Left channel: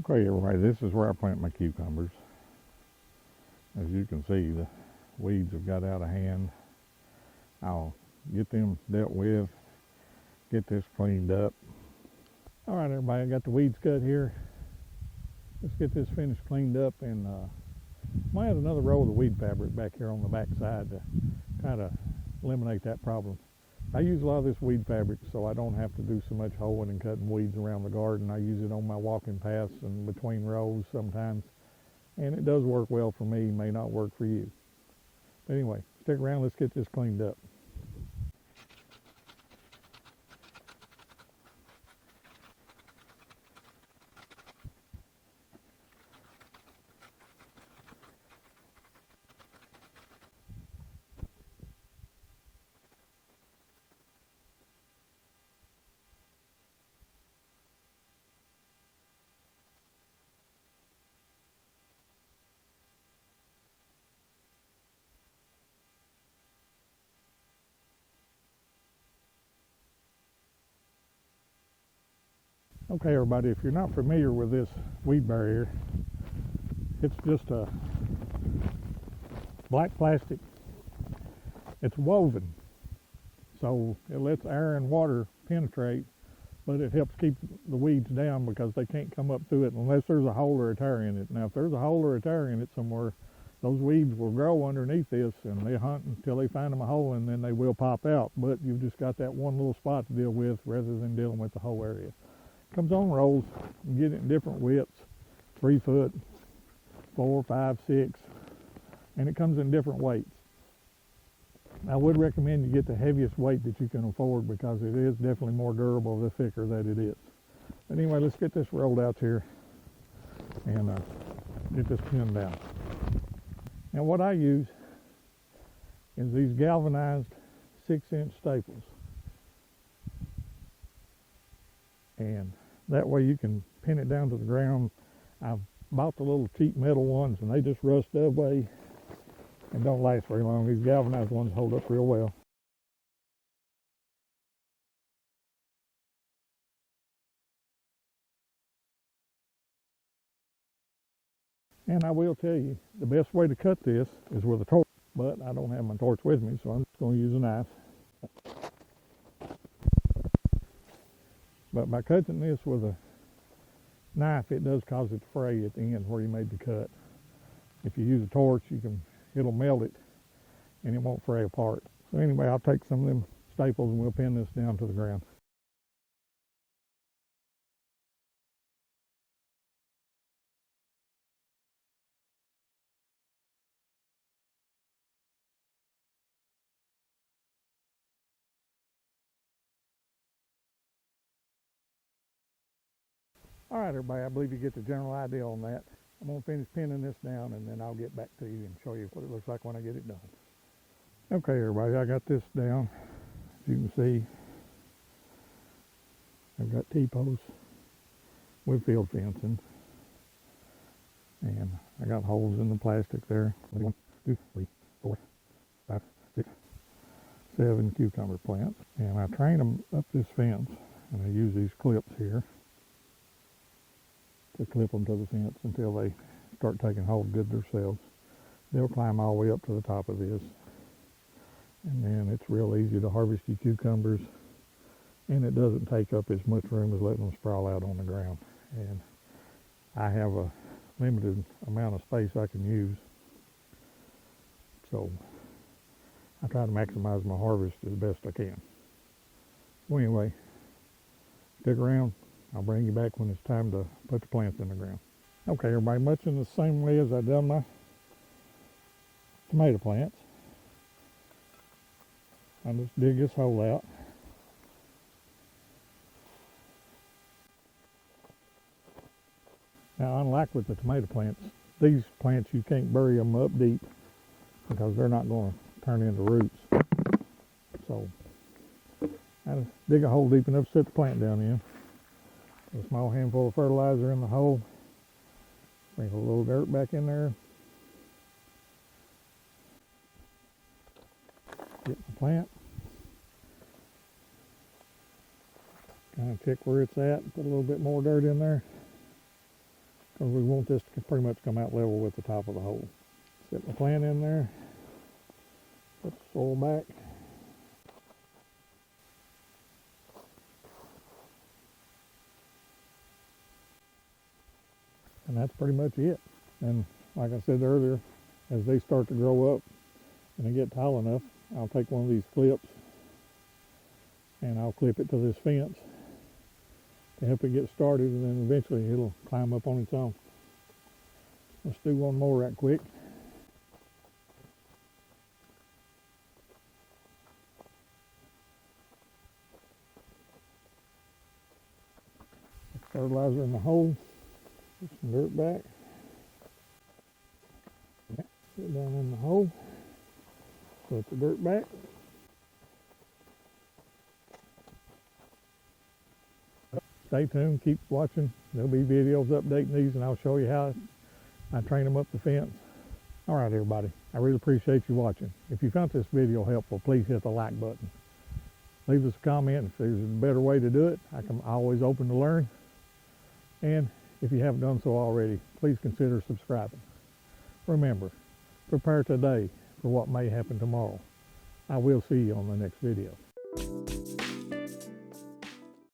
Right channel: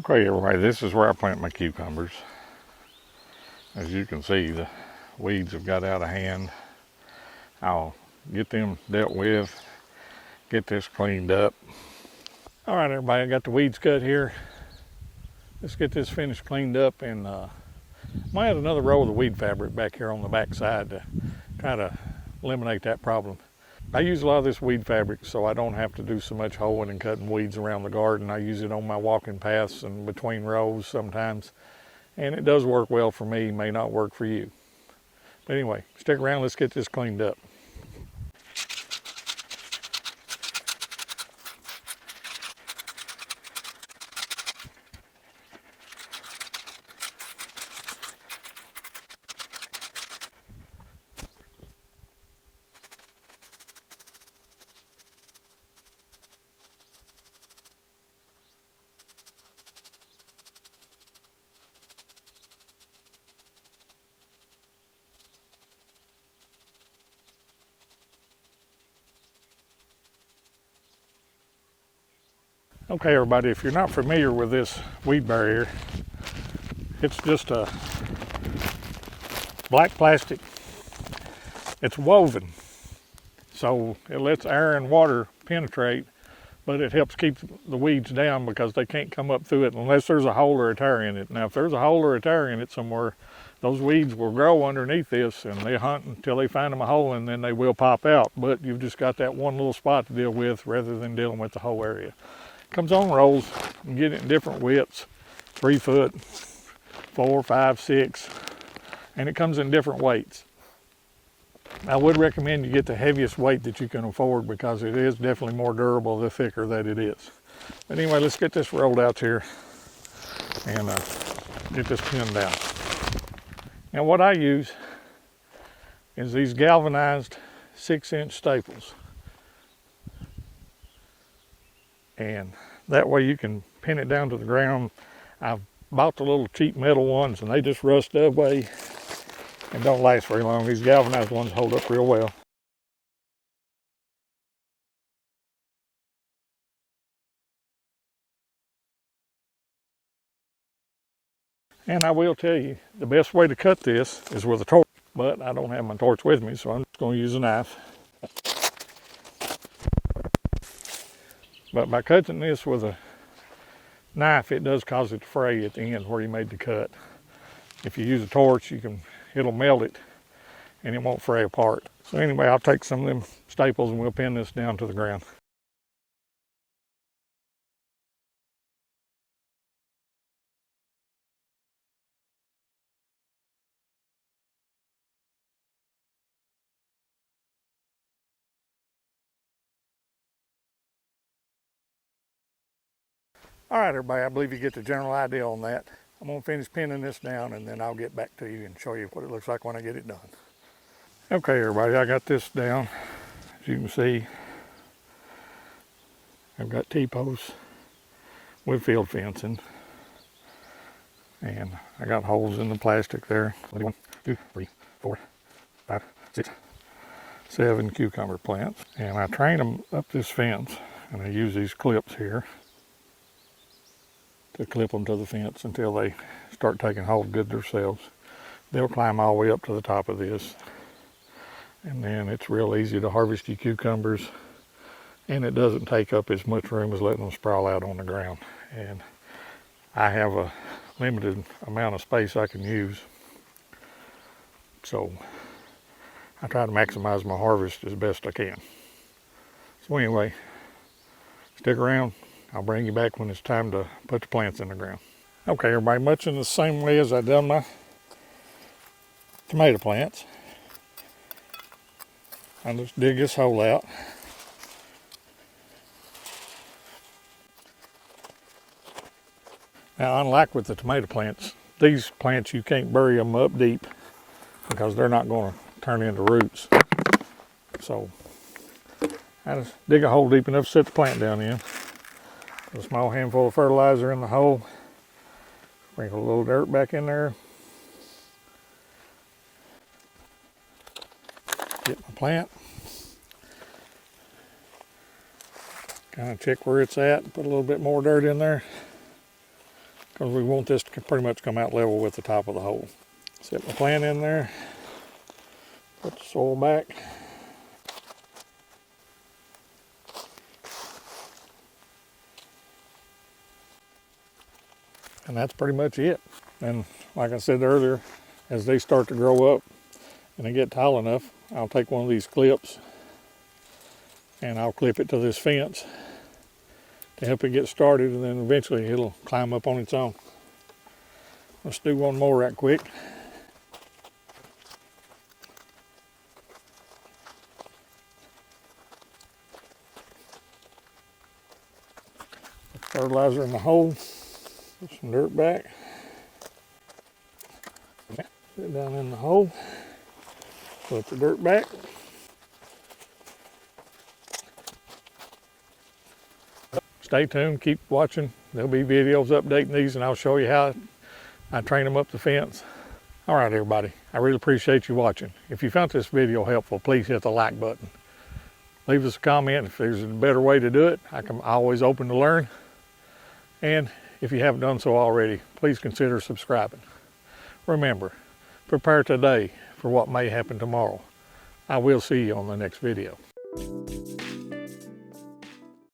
Okay, everybody, this is where I plant my cucumbers. As you can see, the weeds have got out of hand. I'll get them dealt with, get this cleaned up. All right, everybody, I got the weeds cut here. Let's get this finished cleaned up, and might add another roll of the weed fabric back here on the back side to try to eliminate that problem. I use a lot of this weed fabric so I don't have to do so much hoeing and cutting weeds around the garden. I use it on my walking paths and between rows sometimes, and it does work well for me, may not work for you. But anyway, stick around, let's get this cleaned up. Okay, everybody, if you're not familiar with this weed barrier, it's just a black plastic. It's woven, so it lets air and water penetrate, but it helps keep the weeds down because they can't come up through it unless there's a hole or a tear in it. Now, if there's a hole or a tear in it somewhere, those weeds will grow underneath this, and they hunt until they find them a hole, and then they will pop out. But you've just got that one little spot to deal with rather than dealing with the whole area. Comes on rolls. You can get it in different widths, 3 foot, 4, 5, 6, and it comes in different weights. I would recommend you get the heaviest weight that you can afford because it is definitely more durable the thicker that it is. But anyway, let's get this rolled out here and get this pinned down. Now what I use is these galvanized 6-inch staples. And that way you can pin it down to the ground. I've bought the little cheap metal ones and they just rust away and don't last very long. These galvanized ones hold up real well. And I will tell you, the best way to cut this is with a torch, but I don't have my torch with me, so I'm just going to use a knife. But by cutting this with a knife, it does cause it to fray at the end where you made the cut. If you use a torch, it'll melt it and it won't fray apart. So anyway, I'll take some of them staples and we'll pin this down to the ground. All right, everybody, I believe you get the general idea on that. I'm gonna finish pinning this down and then I'll get back to you and show you what it looks like when I get it done. Okay, everybody, I got this down. As you can see, I've got T-posts with field fencing. And I got holes in the plastic there. 1, 2, 3, 4, 5, 6, 7 cucumber plants. And I train them up this fence and I use these clips here to clip them to the fence until they start taking hold good themselves. They'll climb all the way up to the top of this. And then it's real easy to harvest your cucumbers, and it doesn't take up as much room as letting them sprawl out on the ground. And I have a limited amount of space I can use, so I try to maximize my harvest as best I can. So anyway, stick around. I'll bring you back when it's time to put the plants in the ground. Okay, everybody, much in the same way as I've done my tomato plants, I just dig this hole out. Now, unlike with the tomato plants, these plants you can't bury them up deep because they're not going to turn into roots. So I just dig a hole deep enough to set the plant down in. A small handful of fertilizer in the hole. Sprinkle a little dirt back in there. Get my plant. Kind of check where it's at. Put a little bit more dirt in there. because we want this to pretty much come out level with the top of the hole. Set my plant in there, put the soil back. And that's pretty much it. And like I said earlier, as they start to grow up and they get tall enough, I'll take one of these clips and I'll clip it to this fence to help it get started, and then eventually it'll climb up on its own. Let's do one more right quick. Fertilizer in the hole, put some dirt back, put it down in the hole, put the dirt back. Stay tuned, keep watching. There'll be videos updating these, and I'll show you how I train them up the fence. All right, everybody, I really appreciate you watching. If you found this video helpful, please hit the like button. Leave us a comment if there's a better way to do it. I'm always open to learn. And if you haven't done so already, please consider subscribing. Remember, prepare today for what may happen tomorrow. I will see you on the next video.